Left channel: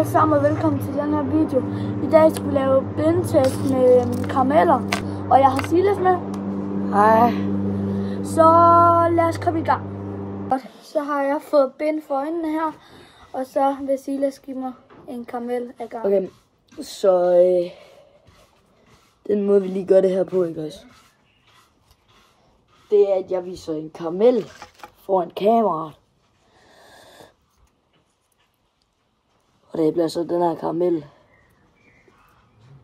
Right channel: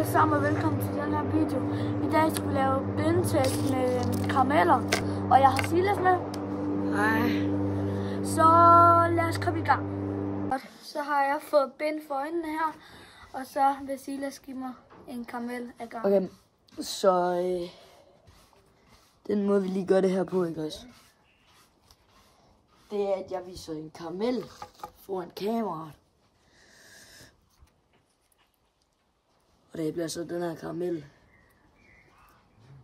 alle sammen og velkommen til den her video. I dag skal vi lave blindtest med karameller, og jeg har Silas med. Hej. Så lad os komme i gang. Så har jeg fået bind for øjnene her, og så vil Silas give mig en karamel af gang. Okay, så den måde vi lige gør det her på, ikke også? Det er, at jeg viser en karamel foran kameraet. Og det bliver så den her karamel.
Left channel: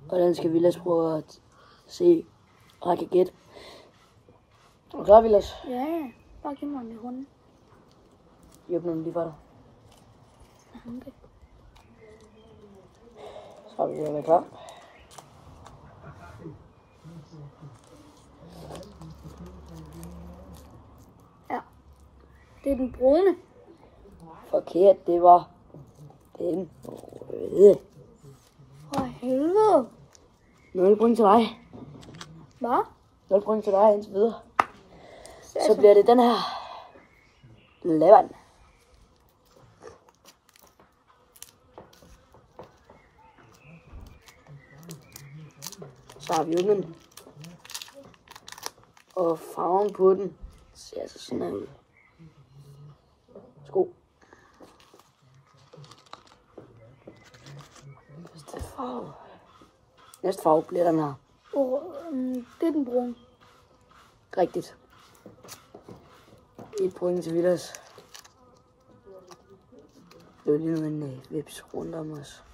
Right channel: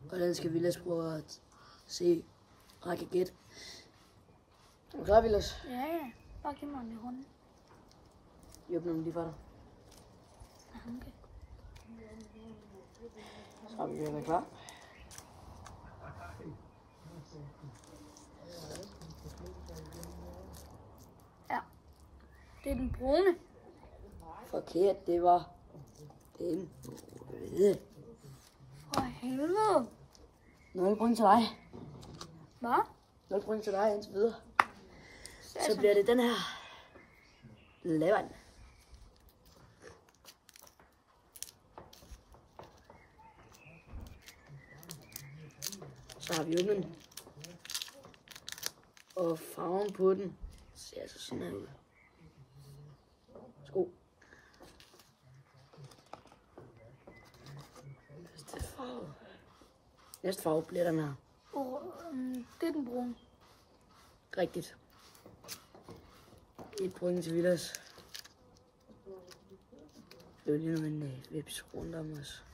Og den skal Vilas prøve at se, og jeg kan gætte. Er du klar, Vilas? Ja, bare giv mig den i hånden. Jeg åbner den lige for dig. Okay. Så er vi den klar. Ja, det er den brune. Forkert, det var den røde. For helvede. 0 point til dig. Hvad? 0 point til dig indtil videre. Så bliver det den her lavand. Så har vi ungen. Og farven på den ser altså sådan her ud. Sko. Næste farve bliver den her. Det er den brune. Rigtigt. 1 point til Vilas. Det er lige nu en vips rundt om os.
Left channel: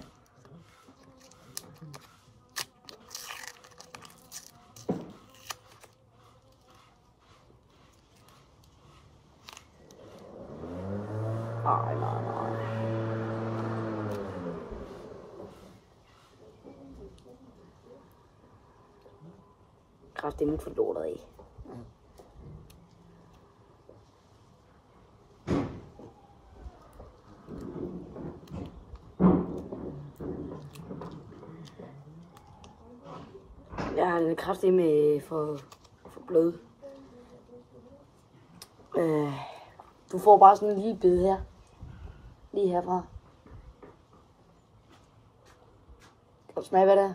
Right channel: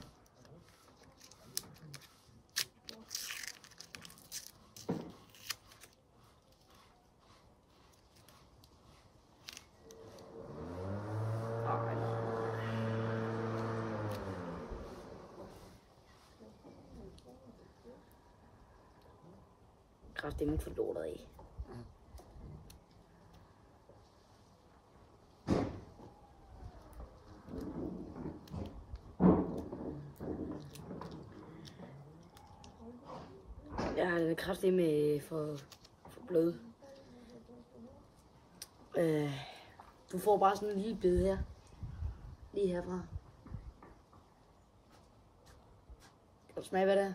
Nej. Kraft, det er mit for lortet af. Jeg har lidt kraftigt med for blød. Du får bare sådan en lille bid her. Lige herfra. Kan du smage, hvad det er?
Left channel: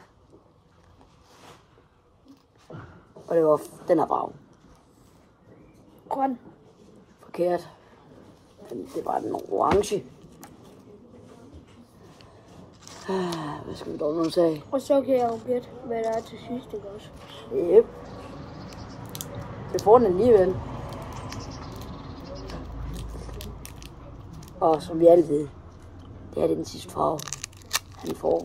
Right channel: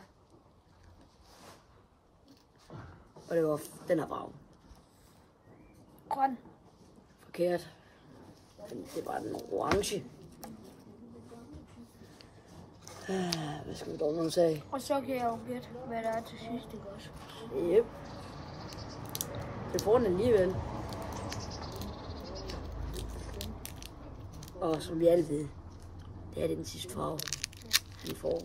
Og det var den her farve. Grøn. Forkert. Det var den orange. Hvad skal vi dog nu sige? Og så kan jeg jo gætte, hvad der er til sidst, ikke også? Yep. Det får den alligevel. Og som vi alle ved, det er den sidste farve, han får.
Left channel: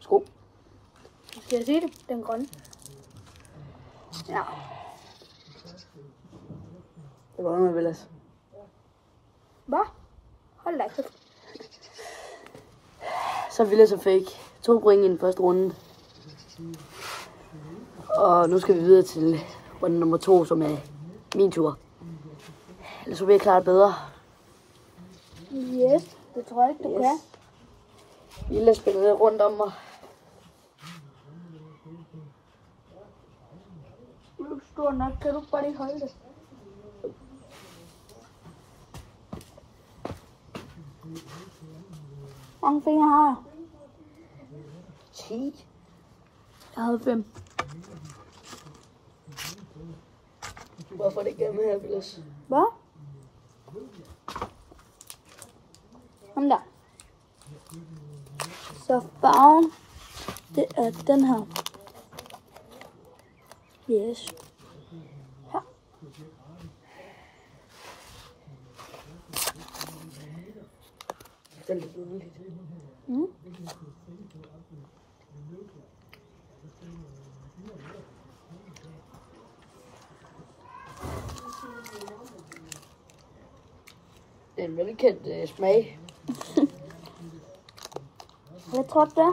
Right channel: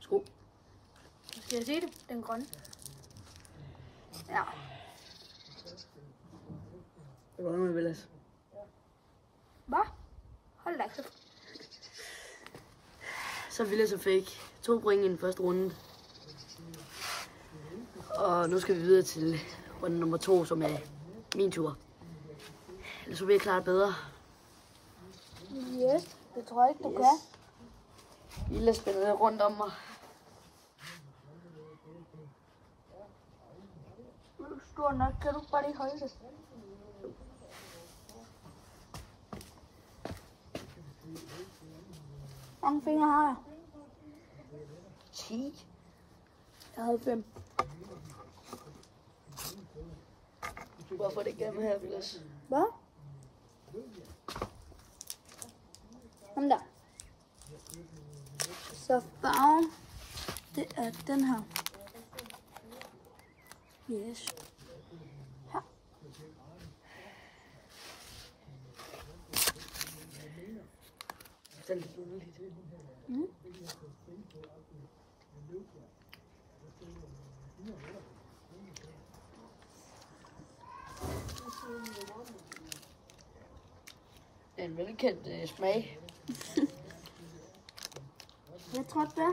Sko. Skal jeg sige det? Den grønne. Ja. Det går med Vilas. Hvad? Hold da kæft. Så Vilas og fik 2 point i den første runde. Og nu skal vi videre til runde nummer 2, som er min tur. Ellers så vil jeg klare det bedre. Yes, det tror jeg ikke, du kan. Vilas spiller rundt om mig. Du er stor nok, kan du bare lige holde det? Hvor mange fingre har jeg? 10. Jeg havde 5. Hvorfor det igennem her, Vilas? Hvad? Kom der. Så farven, det er den her. Yes. Her. Det er lidt underligt. Det er en velkendt smag. Hvad tror du det er?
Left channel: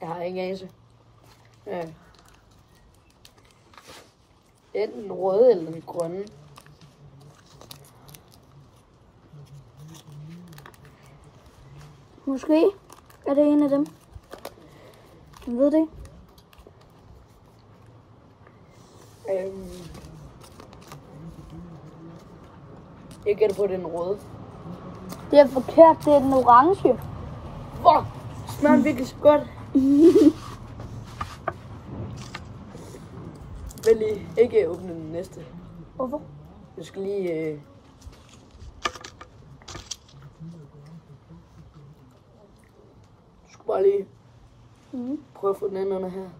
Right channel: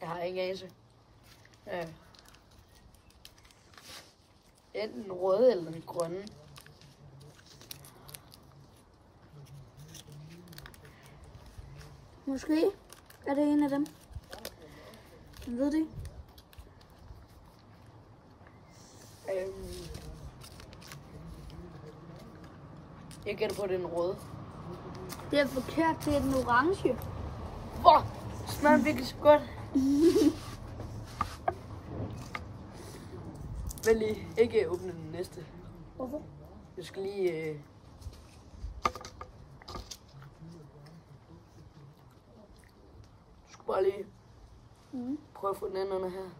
Jeg har ingen anelse. Ja. Enten den røde eller den grønne. Måske er det en af dem. Jeg ved det ikke. Jeg gætter på den røde. Det er forkert, det er den orange. Fuck! Smager virkelig så godt. Vel lige ikke åbne den næste. Hvorfor? Jeg skal lige... Du skal bare lige prøve at få den anden under her.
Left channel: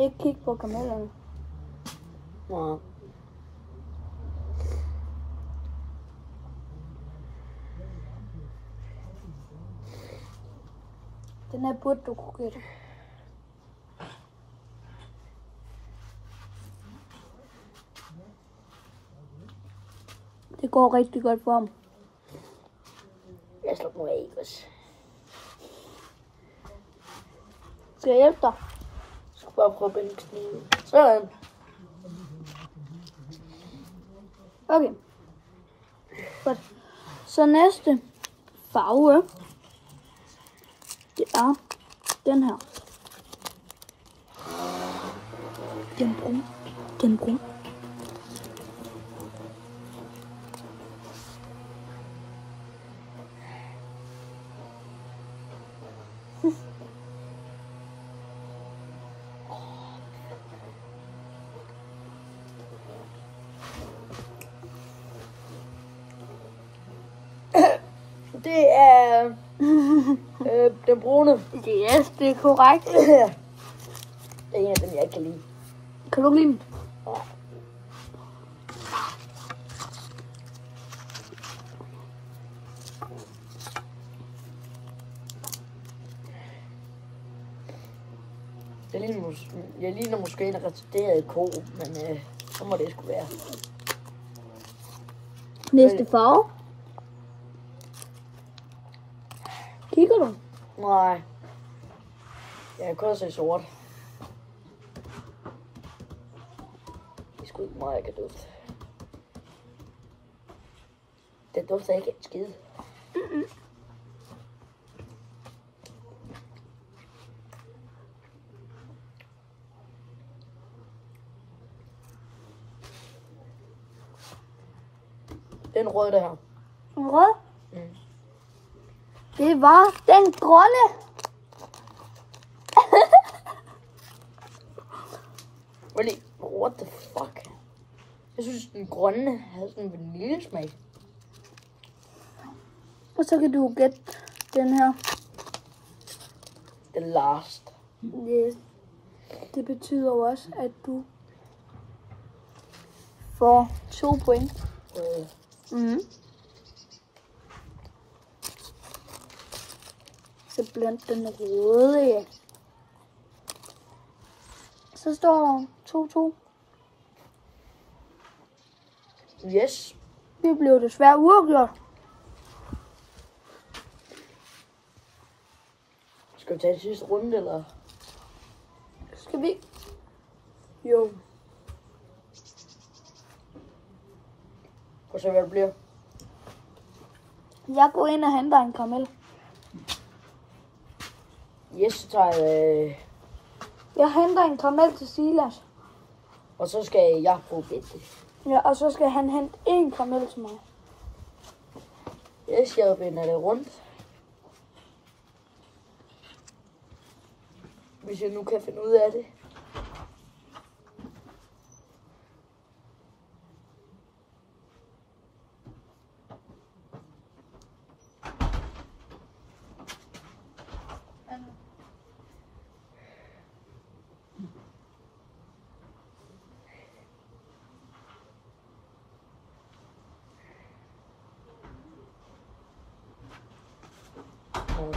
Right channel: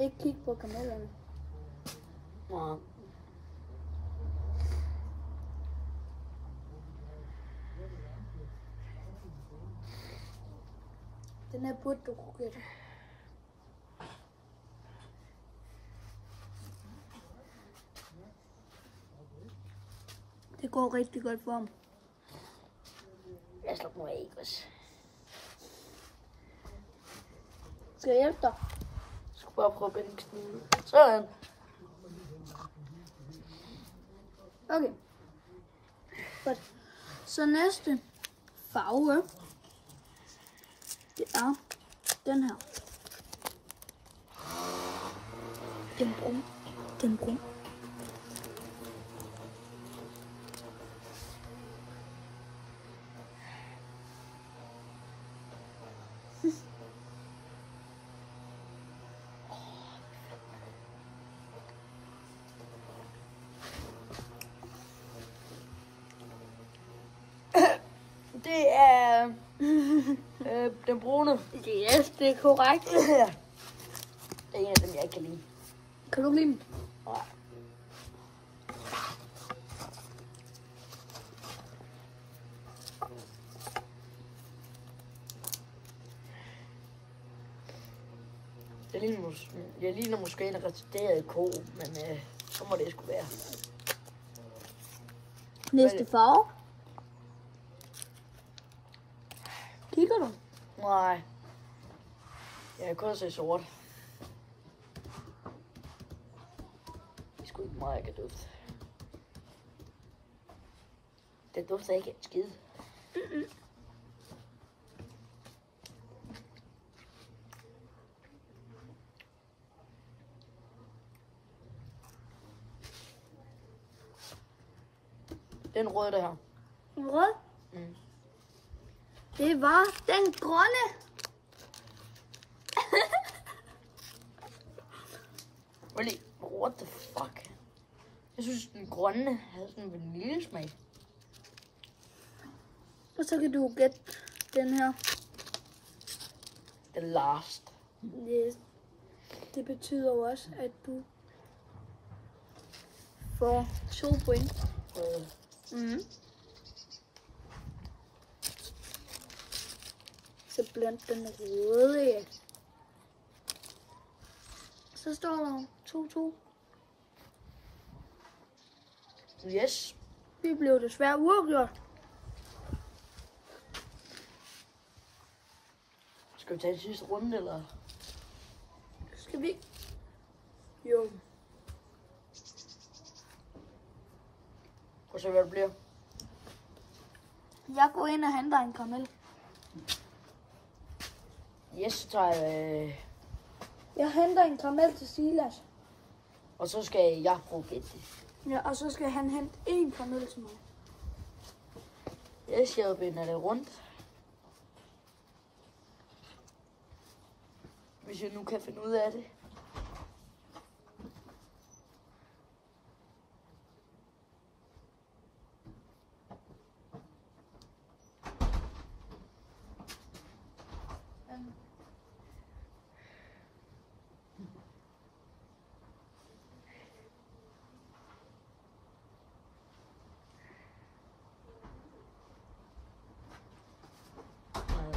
Ikke kig på karamellerne. Ja. Den her burde du kunne gætte. Det går rigtig godt for ham. Jeg slår mig af også. Skal jeg hjælpe dig? Jeg skal bare prøve at binde kniven. Sådan. Okay. Godt. Så næste farve, det er den her. Den brun. Det er den brune. Yes, det er korrekt. Det er en af dem, jeg ikke kan lide. Kan du lide dem? Ja. Jeg ligner måske en retarderet ko, men så må det sgu være. Næste farve. Kigger du? Nej. Jeg kan kun se sort. Det er sgu ikke meget, jeg kan dufte. Det dufter ikke et skid. Den røde der her. En rød? Mm. Det var den grønne. Really? What the fuck? Jeg synes, den grønne havde sådan en vaniljesmag. Og så kan du gætte den her. The last. Yes. Det betyder også, at du får 2 point. Så blandt den røde. Så står der 2-2. Yes. Det blev desværre uafgjort. Skal vi tage det sidste runde, eller? Skal vi? Jo. Prøv at se, hvad det bliver. Jeg går ind og henter en karamel. Yes, så tager jeg... Jeg henter en karamel til Silas. Og så skal jeg bruge det. Ja, og så skal han hente en karamel til mig. Yes, jeg binder det rundt. Hvis jeg nu kan finde ud af det.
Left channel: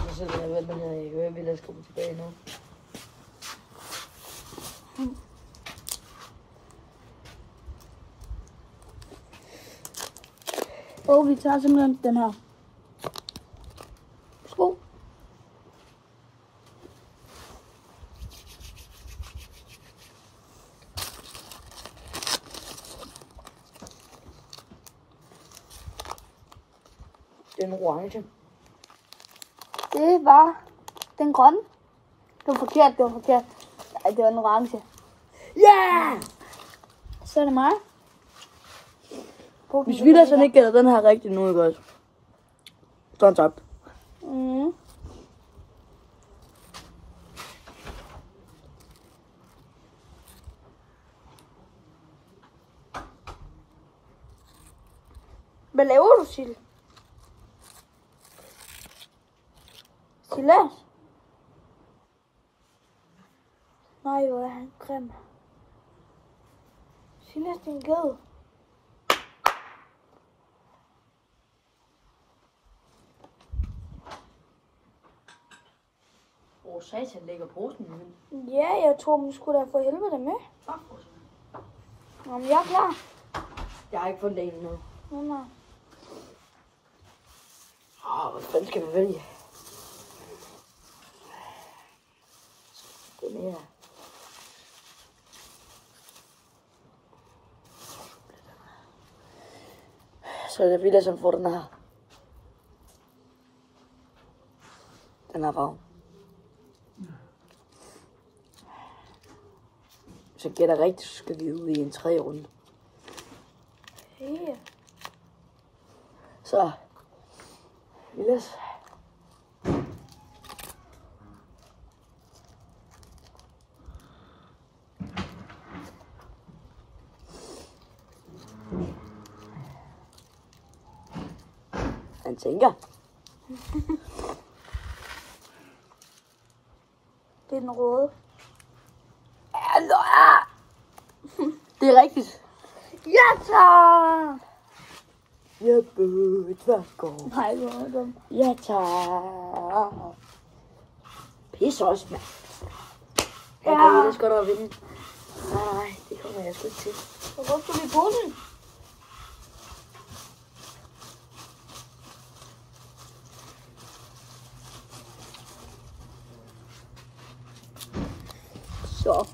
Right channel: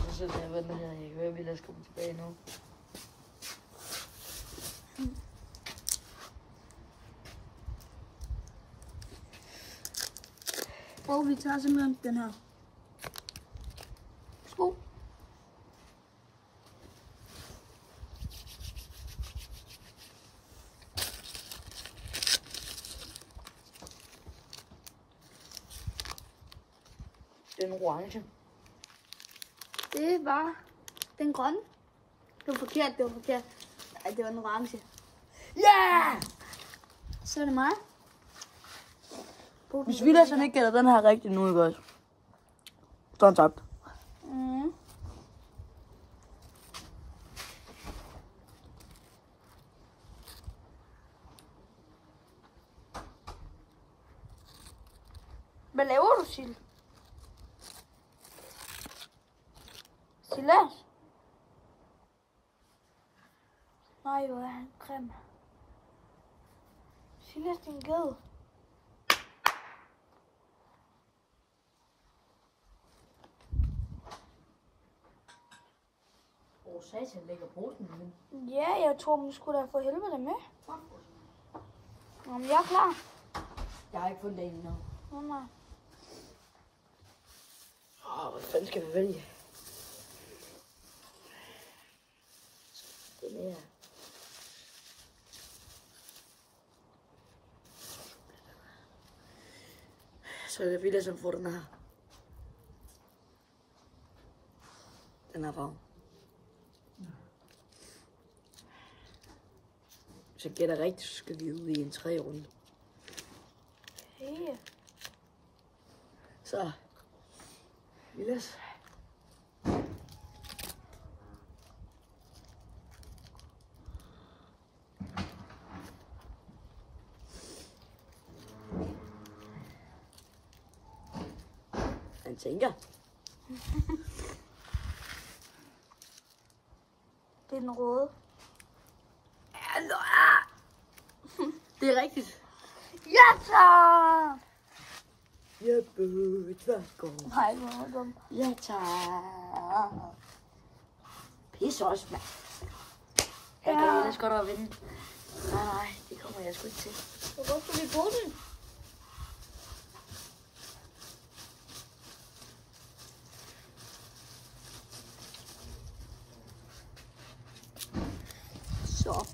Så sidder jeg og venter her. Jeg kan høre, at vi lader komme tilbage nu. Og vi tager simpelthen den her. Sko. Den orange. Det var den grønne. Det var forkert, det var forkert. Ej, det var en orange. Ja! Yeah! Så er det mig. Hvis vi sådan ikke gælder den her rigtigt nu, godt. Så er han tabt. Mm. Hvad laver du, Sil? Silas? Nej, hvor er han grim. Silas, din ged. Åh, satan lægger posen i min. Ja, jeg tror, man skulle da for helvede med. Jamen, jeg er klar. Jeg har ikke fundet en endnu. Nej. Hvad fanden skal vi vælge? Den her. Så er det Vilas, som får den her. Den her farve. Hvis jeg gætter rigtigt, så skal vi ud i en 3. runde. Hey. Så. Vilas. Han tænker. Det er den røde. Det er rigtigt. Ja, tak! Jeppe Tværsgaard. Nej, hvor er dum. Ja, tak. Pisse også, mand. Jeg kan ellers godt at vinde. Nej, det kommer jeg sgu ikke til. Hvor skal vi bruge den? Så.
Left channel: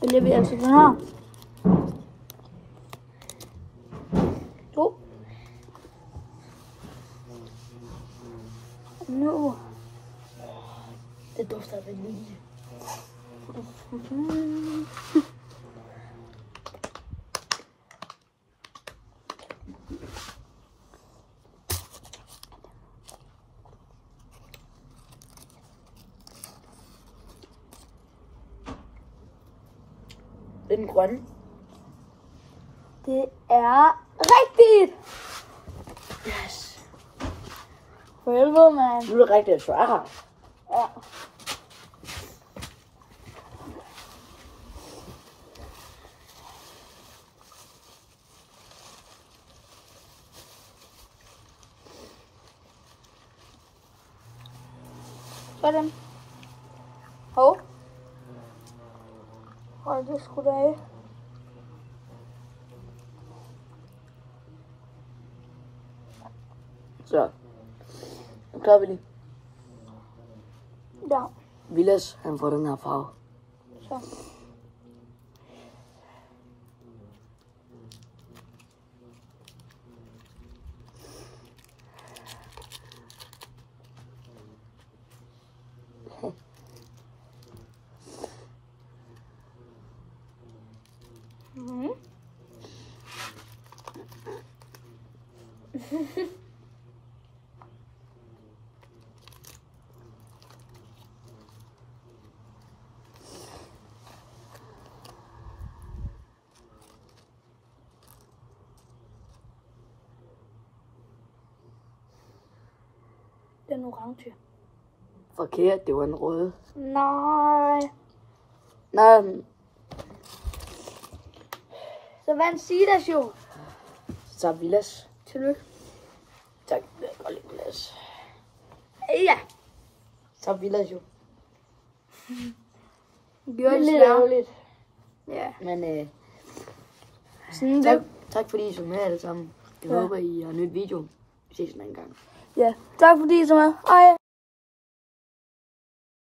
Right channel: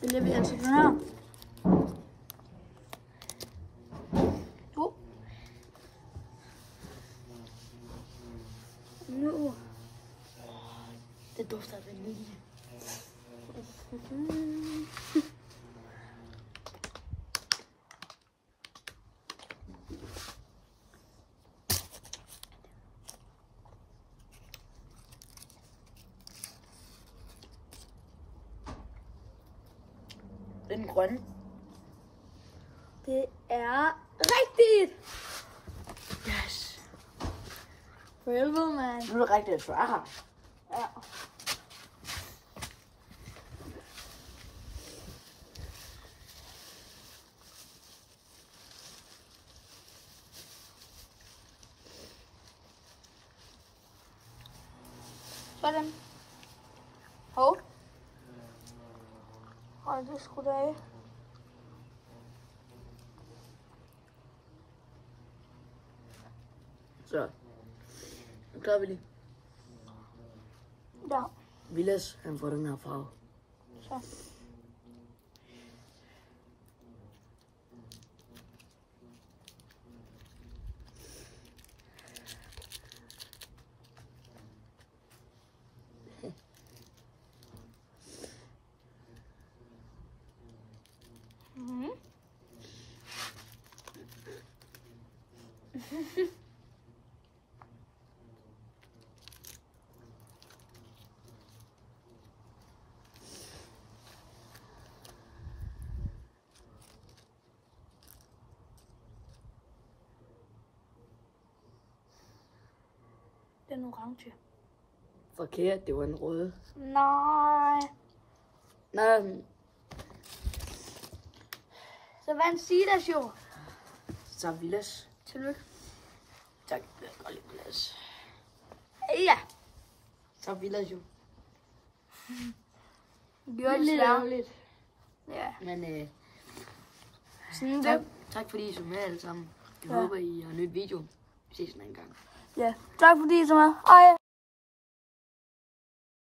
Vælger vi altså den her. Nu. Det dufter af vanilje. Den grønne. Det er rigtigt! Yes. For helvede, mand. Nu er det rigtigt, at du er her. Ja. Sådan. Hov. Hold det sgu da af. Så. Nu klarer vi lige. Ja. Vilas, han får den her farve. Så. Mm. Den orange. Forkert, det var en rød. Nej. Nej, Så vandt Silas jo. så Vilas. Tillykke. Tak, jeg kan godt lide Vilas. Ja. Så Vilas jo. Det var Lidt lidt ærgerligt. Ja. Men Sådan tak, det. tak fordi I så med alle sammen. Jeg Ja. håber, I har nyt video. Vi ses en anden gang. Ja. Tak fordi I så med. Hej.